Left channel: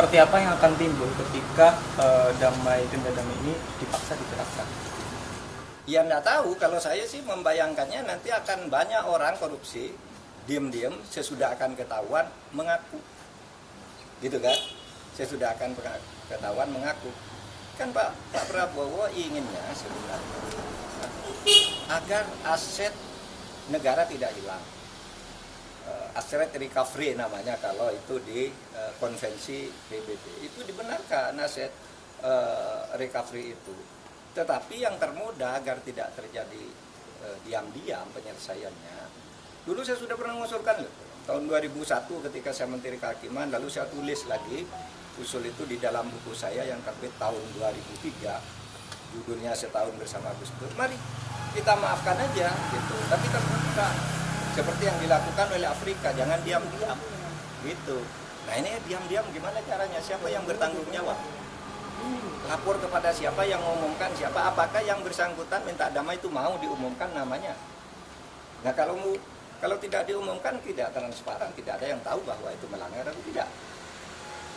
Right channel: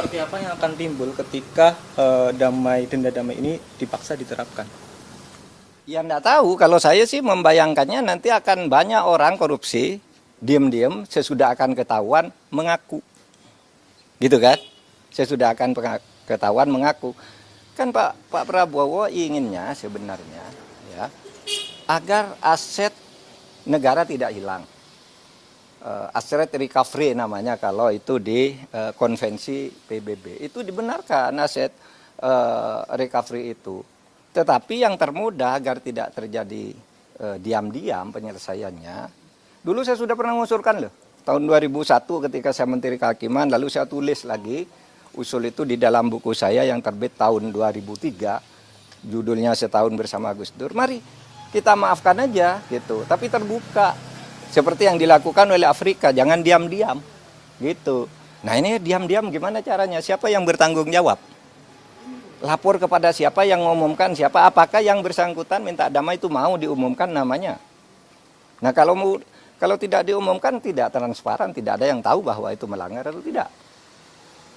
seperti apa yang akan timbul ketika denda damai ini dipaksa diterapkan? Ya enggak tahu, kalau saya sih membayangkannya nanti akan banyak orang korupsi, diam-diam sesudah akan ketahuan mengaku. Gitu kan? Sesudah akan ketahuan mengaku. Kan Pak Prabowo inginnya sebenarnya ya, agar aset negara tidak hilang. Aset recovery namanya kalau itu di konvensi PBB. Itu dibenarkan aset recovery itu. Tetapi yang termudah agar tidak terjadi diam-diam penyelesaiannya. Dulu saya sudah pernah mengusulkan loh. Tahun 2001 ketika saya Menteri Kehakiman, lalu saya tulis lagi usul itu di dalam buku saya yang terbit tahun 2003. Judulnya Setahun Bersama Gus Dur. Mari kita maafkan aja gitu. Tapi terbuka. Seperti yang dilakukan oleh Afrika, jangan diam-diam gitu. Nah ini diam-diam gimana caranya? Siapa yang bertanggung jawab? Lapor kepada siapa yang mengumumkan siapa? Apakah yang bersangkutan minta damai itu mau diumumkan namanya? Nah kalau tidak diumumkan tidak transparan, tidak ada yang tahu bahwa itu melanggar atau tidak.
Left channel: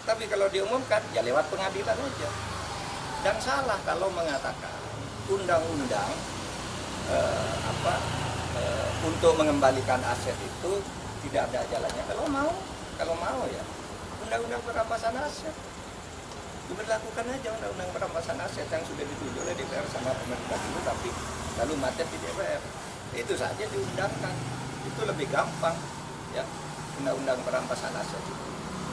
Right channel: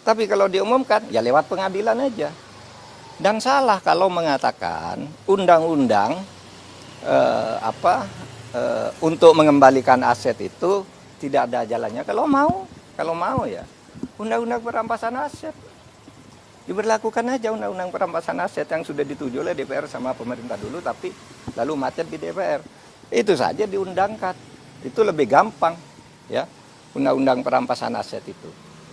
Tapi kalau diumumkan ya lewat pengadilan aja. Dan salah kalau mengatakan undang-undang untuk mengembalikan aset itu tidak ada jalannya. Kalau mau ya undang-undang perampasan aset diberlakukan aja, undang-undang perampasan aset yang sudah dituju oleh DPR sama pemerintah dulu, tapi lalu macet di DPR. Itu saja diundangkan, itu lebih gampang ya, undang-undang perampasan aset itu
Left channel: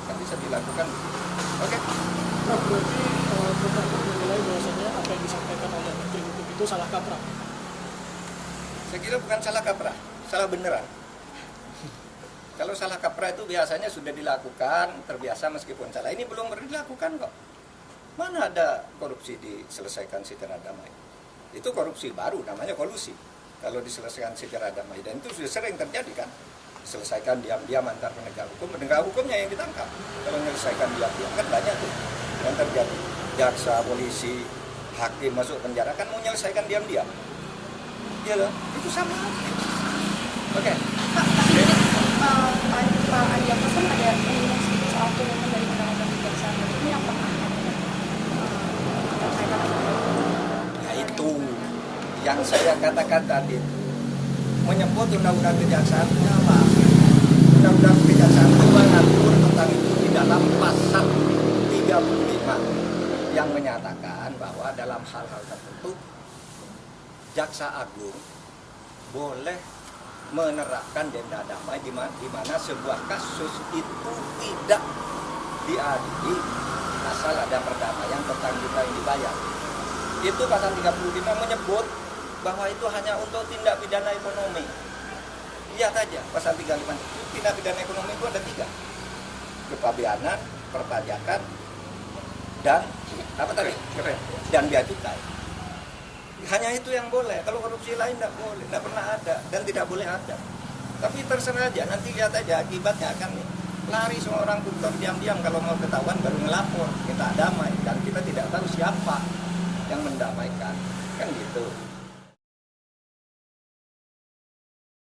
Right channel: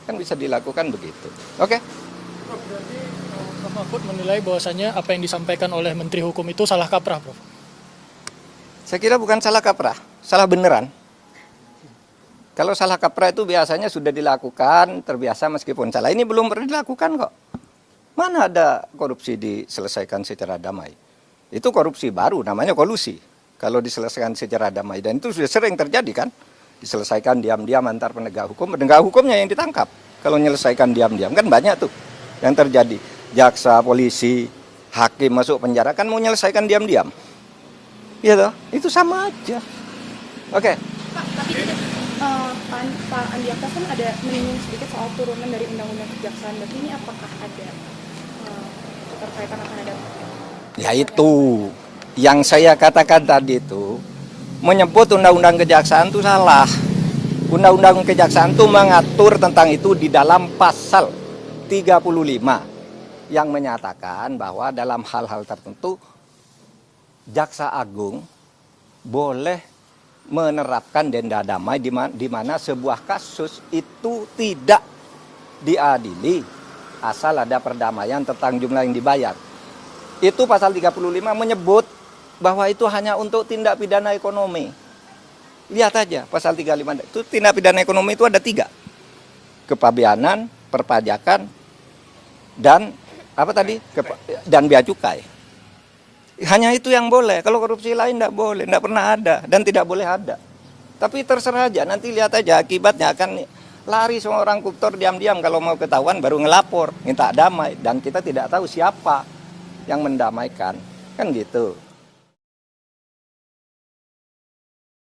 kan bisa dilakukan begitu. Oke? Bapak Mahfud menilai bahwasanya apa yang disampaikan oleh Menteri Hukum itu salah kaprah, Pak. Saya kira bukan salah kaprah, salah beneran. Kalau salah kaprah itu biasanya sudah dilakukan, terbiasa meskipun salah. Ini belum pernah dilakukan kok. Mana ada korupsi diselesaikan secara damai? Itu korupsi baru, namanya kolusi. Kalau diselesaikan secara damai, dan itu sudah sering terjadi kan? Diselesaikan diam-diam antar penegak hukum yang ditangkap. Kalau menyelesaikan diam-diam, kan banyak tuh yang terjadi. Jaksa, polisi, hakim masuk penjara, kan mau menyelesaikan diam-diam. Iya toh, itu sama aja. Oke. Pak Andi kan ada menyinggung sedikit soal turunan dari undang-undang kejaksaan. Ini apakah ada terkaitan atau tidak? Ya itu, yang saya katakan tadi itu, menyebut undang-undang kejaksaan itu salah. Undang-undang kejaksaan itu mengatur tentang itu di dalam pasal 35 yang menyatakan bahwa dalam hal-hal tertentu Jaksa Agung boleh menerapkan denda damai di mana sebuah kasus itu tidak diadili asal ada perdamaian tentang jumlah yang dibayar. Itu pasal 35 menyebut bahwa itu hanya untuk tindak pidana ekonomi. Lihat aja pasal 35 itu tindak pidana ekonomi itu ada 3. Kepabeanan, perpajakan, dan apa tadi? Dan bea cukai. Hanya itu yang boleh. Kalau korupsi lain tidak boleh, tidak pernah ada dan tidak boleh ada. Tapi terserah aja, nanti lihat aja akibatnya akan lari semua orang koruptor diam-diam kalau mau ketahuan baru ngelapor, minta damai dan kita tidak tahu siapa yang mendamaikan. Kan gitu.